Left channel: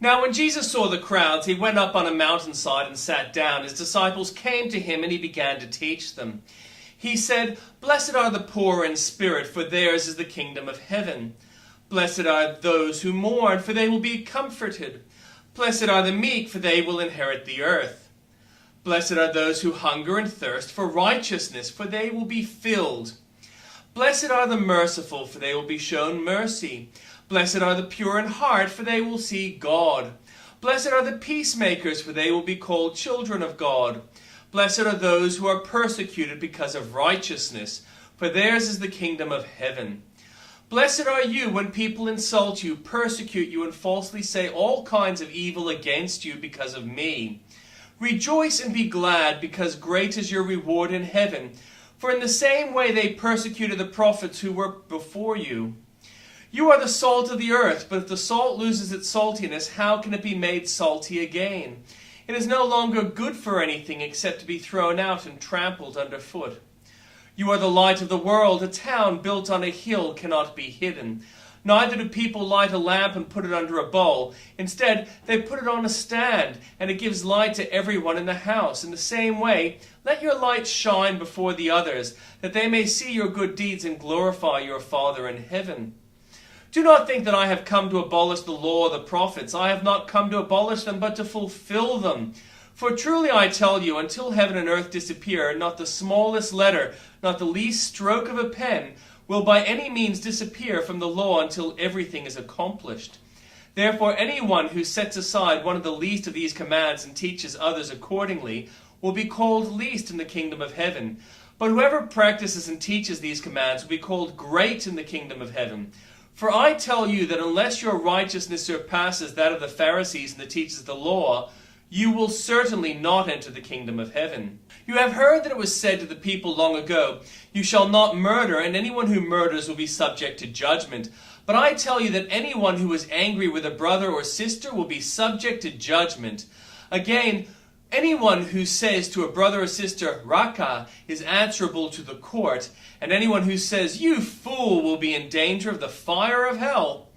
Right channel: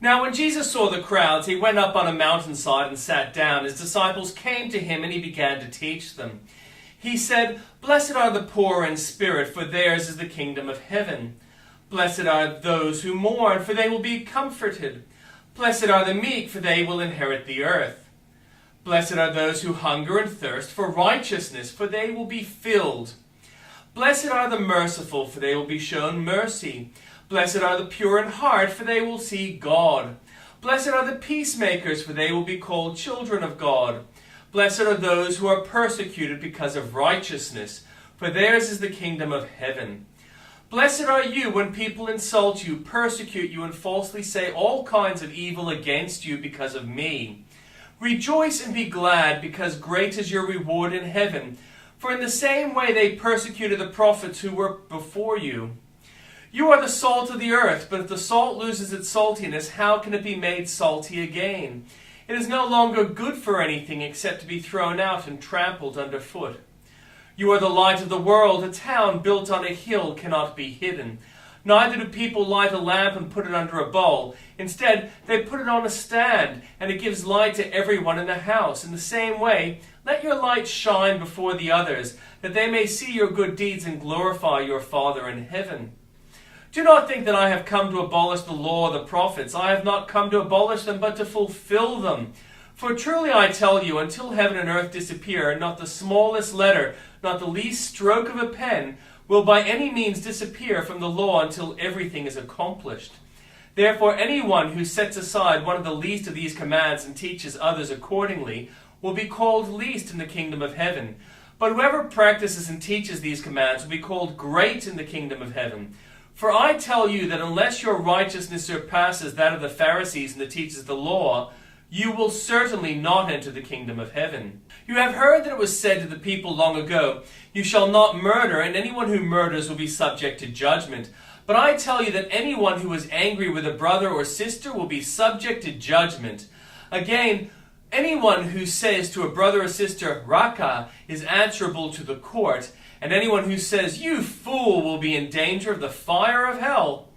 Now when Jesus saw the crowds, he went up on a mountainside and sat down. His disciples came to him, and he began to teach them. He said, "Blessed are the poor in spirit, for theirs is the kingdom of heaven. Blessed are those who mourn, for they will be comforted. Blessed are the meek, for they will inherit the earth. Blessed are those who hunger and thirst for righteousness, for they will be filled. Blessed are the merciful, for they will be shown mercy. Blessed are the pure in heart, for they will see God. Blessed are the peacemakers, for they will be called children of God. Blessed are those who are persecuted because of righteousness, for theirs is the kingdom of heaven. Blessed are you when people insult you, persecute you, and falsely say all kinds of evil against you because of me. Rejoice and be glad, because great is your reward in heaven. For in the same way they persecuted the prophets who were before you. You are the salt of the earth, but if the salt loses its saltiness, how can it be made salty again? It is no longer good for anything except to be thrown out and trampled underfoot. You are the light of the world. A town built on a hill cannot be hidden. Neither do people light a lamp and put it under a bowl. Instead, they put it on a stand, and it gives light to everyone in the house. In the same way, let your light shine before the others, that they may see your good deeds and glorify your Father in heaven. Do not think that I have come to abolish the law or the prophets. I have not come to abolish them, but to fulfill them. For truly I tell you, until heaven and earth disappear, not the smallest letter, not the least stroke of a pen, will by any means disappear from the law until everything is accomplished. Therefore anyone who sets aside one of the least of these commands and teaches others accordingly will be called least in the kingdom of heaven. But whoever practices and teaches these commands will be called great in the kingdom of heaven. For I tell you that unless your righteousness surpasses that of the Pharisees and the teachers of the law, you will certainly not enter the kingdom of heaven. You have heard that it was said to the people long ago, 'You shall not murder, and anyone who murders will be subject to judgment.' But I tell you that anyone who is angry with a brother or sister will be subject to judgment. Again, anyone who says to a brother or sister, 'Raka,' is answerable to the court, and anyone who says, 'You fool,' will be in danger of the fire of hell.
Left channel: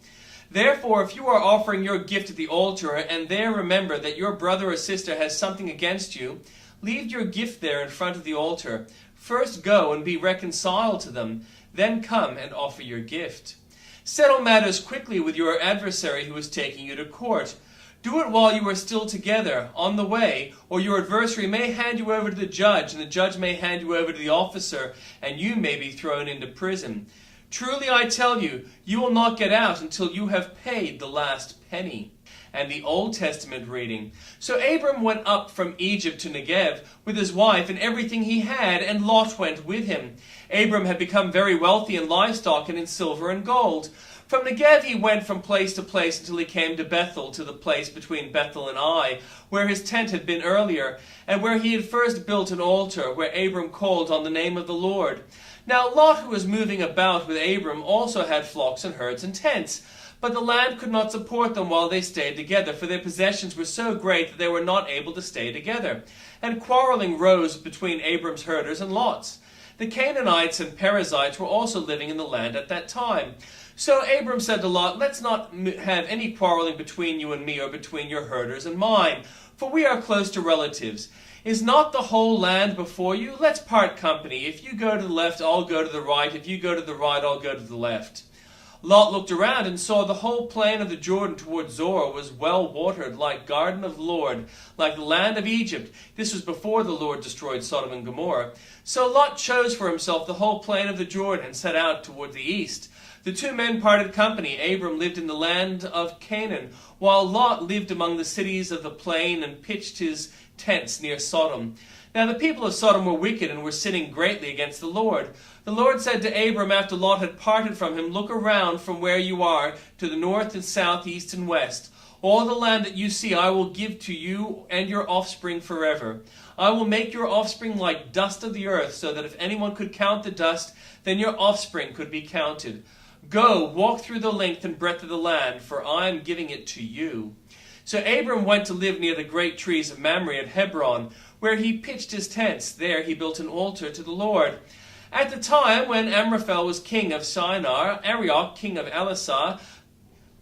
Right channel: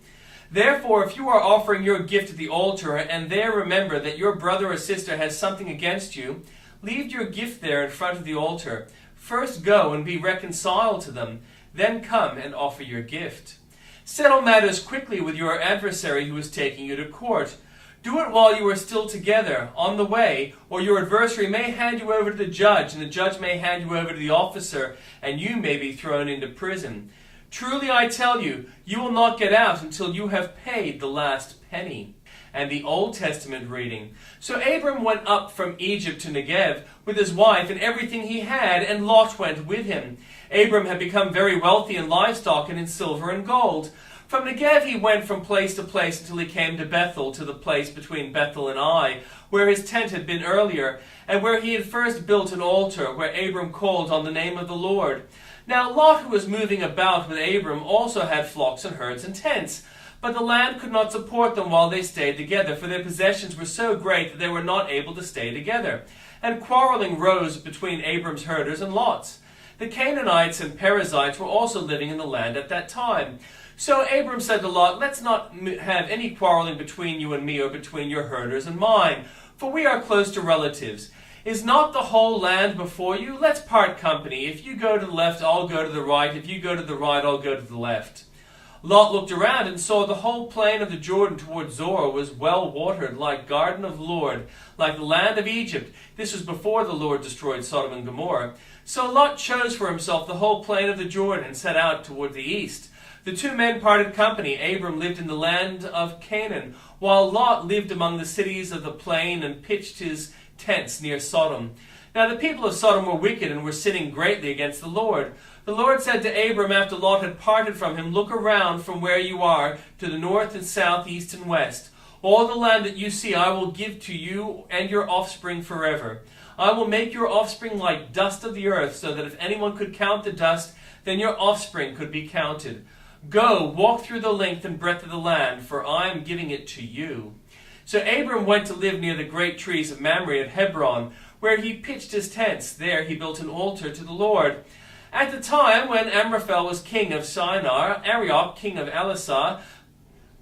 Therefore, if you are offering your gift at the altar, and there remember that your brother or sister has something against you, leave your gift there in front of the altar. First go and be reconciled to them, then come and offer your gift. Settle matters quickly with your adversary who is taking you to court. Do it while you are still together, on the way, or your adversary may hand you over to the judge, and the judge may hand you over to the officer, and you may be thrown into prison. Truly I tell you, you will not get out until you have paid the last penny." And the Old Testament reading. So Abram went up from Egypt to Negev with his wife and everything he had, and Lot went with him. Abram had become very wealthy in livestock and in silver and gold. From Negev he went from place to place until he came to Bethel, to the place between Bethel and Ai, where his tent had been earlier, and where he had first built an altar, where Abram called on the name of the Lord. Now Lot, who was moving about with Abram, also had flocks and herds and tents. But the land could not support them while they stayed together, for their possessions were so great that they were not able to stay together. And quarreling rose between Abram's herders and Lot's. The Canaanites and Perizzites were also living in the land at that time. So Abram said to Lot, "Let's not have any quarreling between you and me, or between your herders and mine, for we are close to relatives. Is not the whole land before you? Let's part company. If you go to the left, I'll go to the right. If you go to the right, I'll go to the left." Lot looked around and saw the whole plain of the Jordan toward Zoar was well watered, like garden of Lord, like the land of Egypt. This was before the Lord destroyed Sodom and Gomorrah. So Lot chose for himself the whole plain of the Jordan and set out toward the east. The two men parted company. Abram lived in the land of Canaan, while Lot lived among the cities of the plain and pitched his tents near Sodom. Now the people of Sodom were wicked and were sinning greatly against the Lord. The Lord said to Abram after Lot had parted from him, "Look around from where you are to the north and south, east and west. All the land that you see I will give to you and your offspring forever. I will make your offspring like dust of the earth, so that if anyone could count the dust, then your offspring could be counted. Go, walk through the length and breadth of the land, for I am giving it to you." So Abram went to live near the great trees of Mamre at Hebron, where he pitched his tents. There he built an altar to the Lord. At the time when Amraphel was king of Shinar, Arioch, king of Elasar,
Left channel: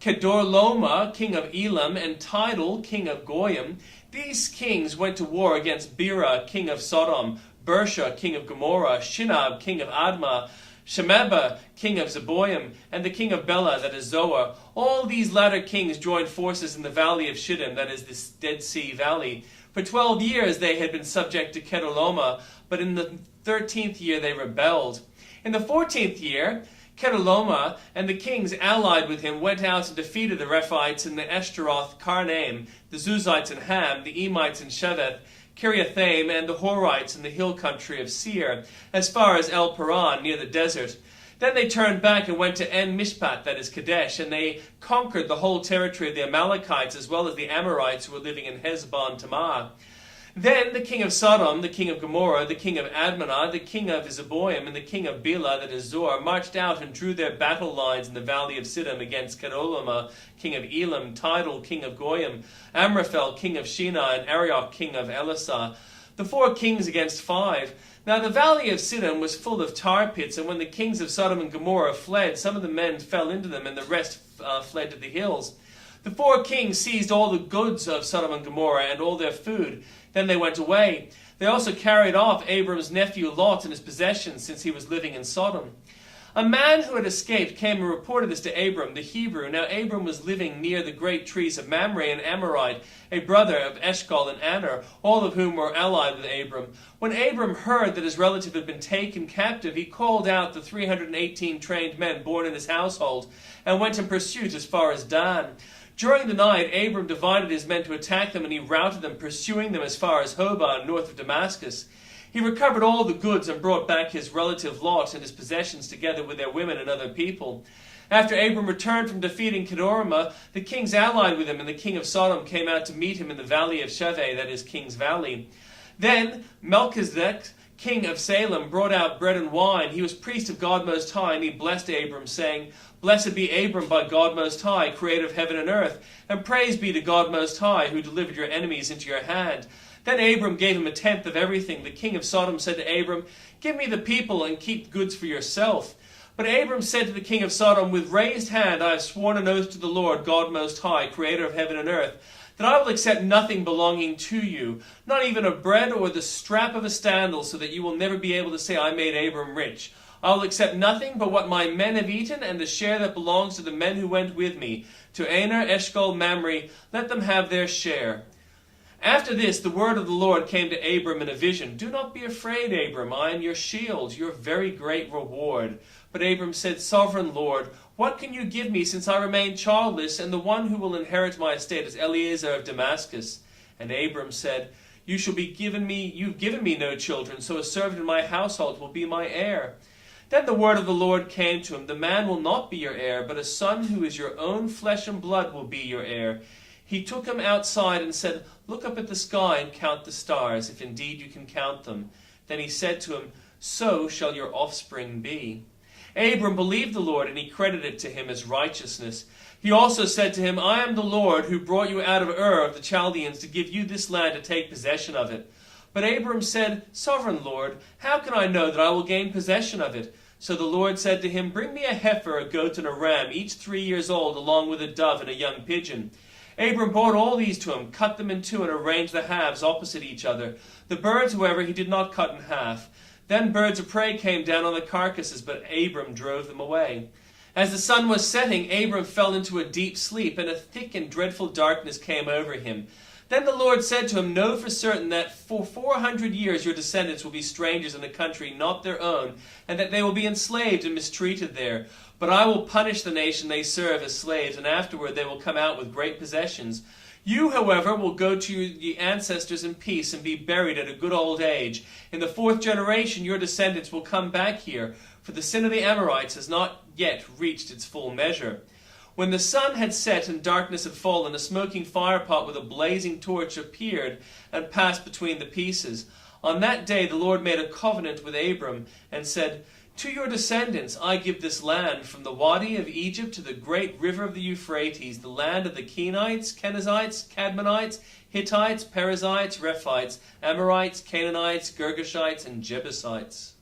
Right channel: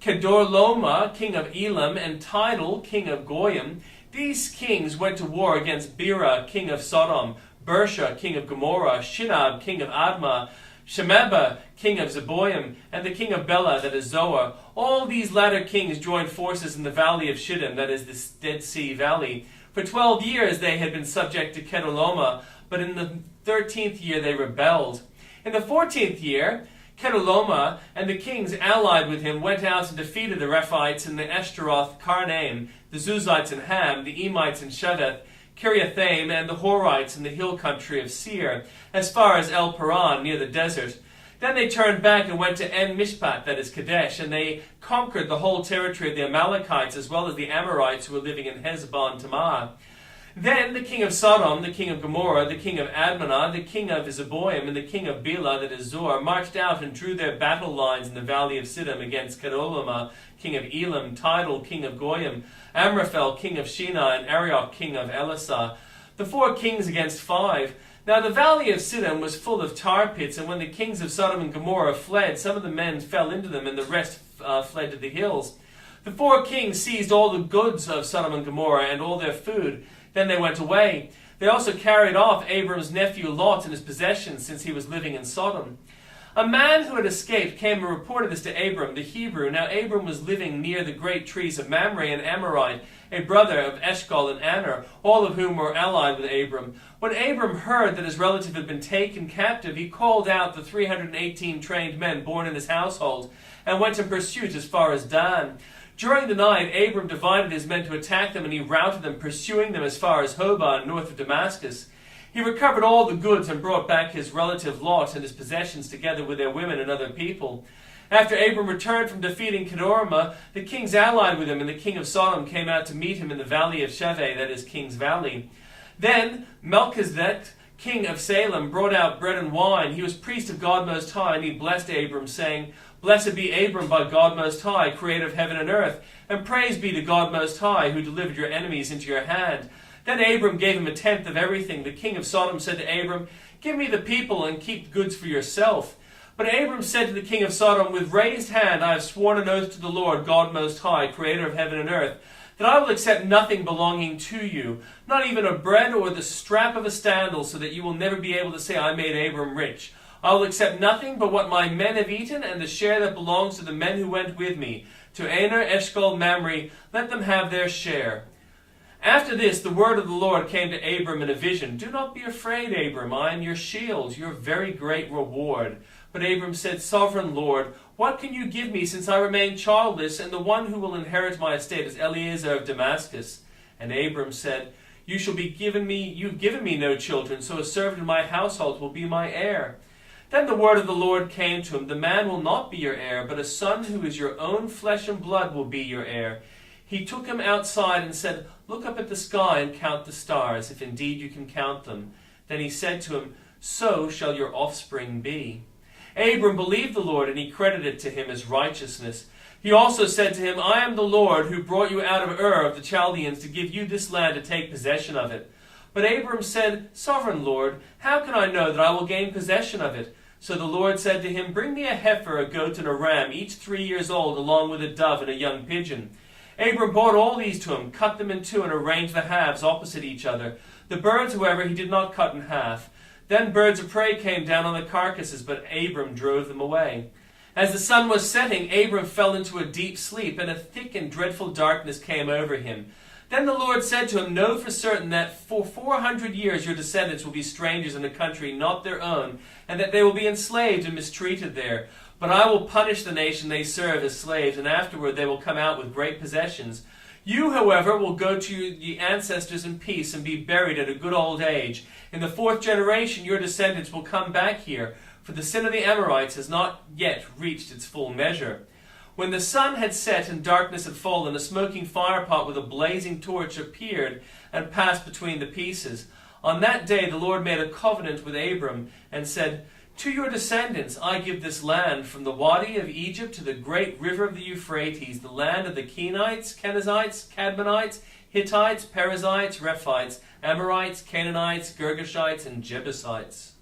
Kedorlaomer, king of Elam, and Tidal, king of Goyim. These kings went to war against Bera, king of Sodom, Bersha, king of Gomorrah, Shinab, king of Admah, Shemeba, king of Zeboim, and the king of Bela, that is Zoar. All these latter kings joined forces in the valley of Shittim, that is the Dead Sea Valley. For 12 years they had been subject to Kedorlaomer, but in the 13th year they rebelled. In the 14th year, Kedorlaomer and the kings allied with him went out and defeated the Rephites in the Eshtaroth Karnaim, the Zuzites in Ham, the Emites in Sheveth, Kiriathaim, and the Horites in the hill country of Seir, as far as El Paran, near the desert. Then they turned back and went to En Mishpat, that is Kadesh, and they conquered the whole territory of the Amalekites, as well as the Amorites who were living in Hezbon Tamar. Then the king of Sodom, the king of Gomorrah, the king of Admah, the king of Zeboim, and the king of Bela, that is Zoar, marched out and drew their battle lines in the valley of Siddim against Kedorlaomer, king of Elam, Tidal, king of Goyim, Amraphel, king of Shinar, and Arioch, king of Elasah. The 4 kings against 5. Now the valley of Siddim was full of tar pits, and when the kings of Sodom and Gomorrah fled, some of the men fell into them, and the rest fled to the hills. The 4 kings seized all the goods of Sodom and Gomorrah and all their food. Then they went away. They also carried off Abram's nephew Lot and his possessions, since he was living in Sodom. A man who had escaped came and reported this to Abram, the Hebrew. Now Abram was living near the great trees of Mamre and Amorite, a brother of Eshcol and Aner, all of whom were allied with Abram. When Abram heard that his relative had been taken captive, he called out the 318 trained men born in his household, and went in pursuit as far as Dan. During the night, Abram divided his men to attack them, and he routed them, pursuing them as far as Hobah, north of Damascus. He recovered all the goods and brought back his relative Lot and his possessions, together with their women and other people. After Abram returned from defeating Kedorlaomer, the kings allied with him, and the king of Sodom came out to meet him in the valley of Sheveh, that is King's Valley. Then Melchizedek, king of Salem, brought out bread and wine. He was priest of God Most High, and he blessed Abram, saying, "Blessed be Abram by God Most High, creator of heaven and earth, and praise be to God Most High, who delivered your enemies into your hand." Then Abram gave him 1/10 of everything. The king of Sodom said to Abram, "Give me the people and keep goods for yourself." But Abram said to the king of Sodom, "With raised hand I have sworn an oath to the Lord, God Most High, creator of heaven and earth, that I will accept nothing belonging to you, not even a bread or the strap of a sandal, so that you will never be able to say, 'I made Abram rich.' I will accept nothing but what my men have eaten, and the share that belongs to the men who went with me. To Aner, Eshcol, Mamre, let them have their share." After this, the word of the Lord came to Abram in a vision. "Do not be afraid, Abram. I am your shield, your very great reward." But Abram said, "Sovereign Lord, what can you give me, since I remain childless, and the one who will inherit my estate is Eliezer of Damascus?" And Abram said, You've given me no children, so a servant in my household will be my heir." Then the word of the Lord came to him, "The man will not be your heir, but a son who is your own flesh and blood will be your heir." He took him outside and said, "Look up at the sky and count the stars, if indeed you can count them." Then he said to him, "So shall your offspring be." Abram believed the Lord, and he credited it to him as righteousness. He also said to him, "I am the Lord who brought you out of Ur of the Chaldeans to give you this land to take possession of it." But Abram said, "Sovereign Lord, how can I know that I will gain possession of it?" So the Lord said to him, "Bring me a heifer, a goat, and a ram, each 3 years old, along with a dove and a young pigeon." Abram brought all these to him, cut them in two, and arranged the halves opposite each other. The birds, however, he did not cut in half. Then birds of prey came down on the carcasses, but Abram drove them away. As the sun was setting, Abram fell into a deep sleep, and a thick and dreadful darkness came over him. Then the Lord said to him, "Know for certain that for 400 years your descendants will be strangers in a country not their own, and that they will be enslaved and mistreated there. But I will punish the nation they serve as slaves, and afterward they will come out with great possessions. You, however, will go to your ancestors in peace and be buried at a good old age. In the 4th generation your descendants will come back here, for the sin of the Amorites has not yet reached its full measure." When the sun had set and darkness had fallen, a smoking firepot with a blazing torch appeared and passed between the pieces. On that day the Lord made a covenant with Abram and said, "To your descendants I give this land, from the Wadi of Egypt to the great river of the Euphrates, the land of the Kenites, Kenizzites, Cadmonites, Hittites, Perizzites, Rephites, Amorites, Canaanites, Girgashites, and Jebusites."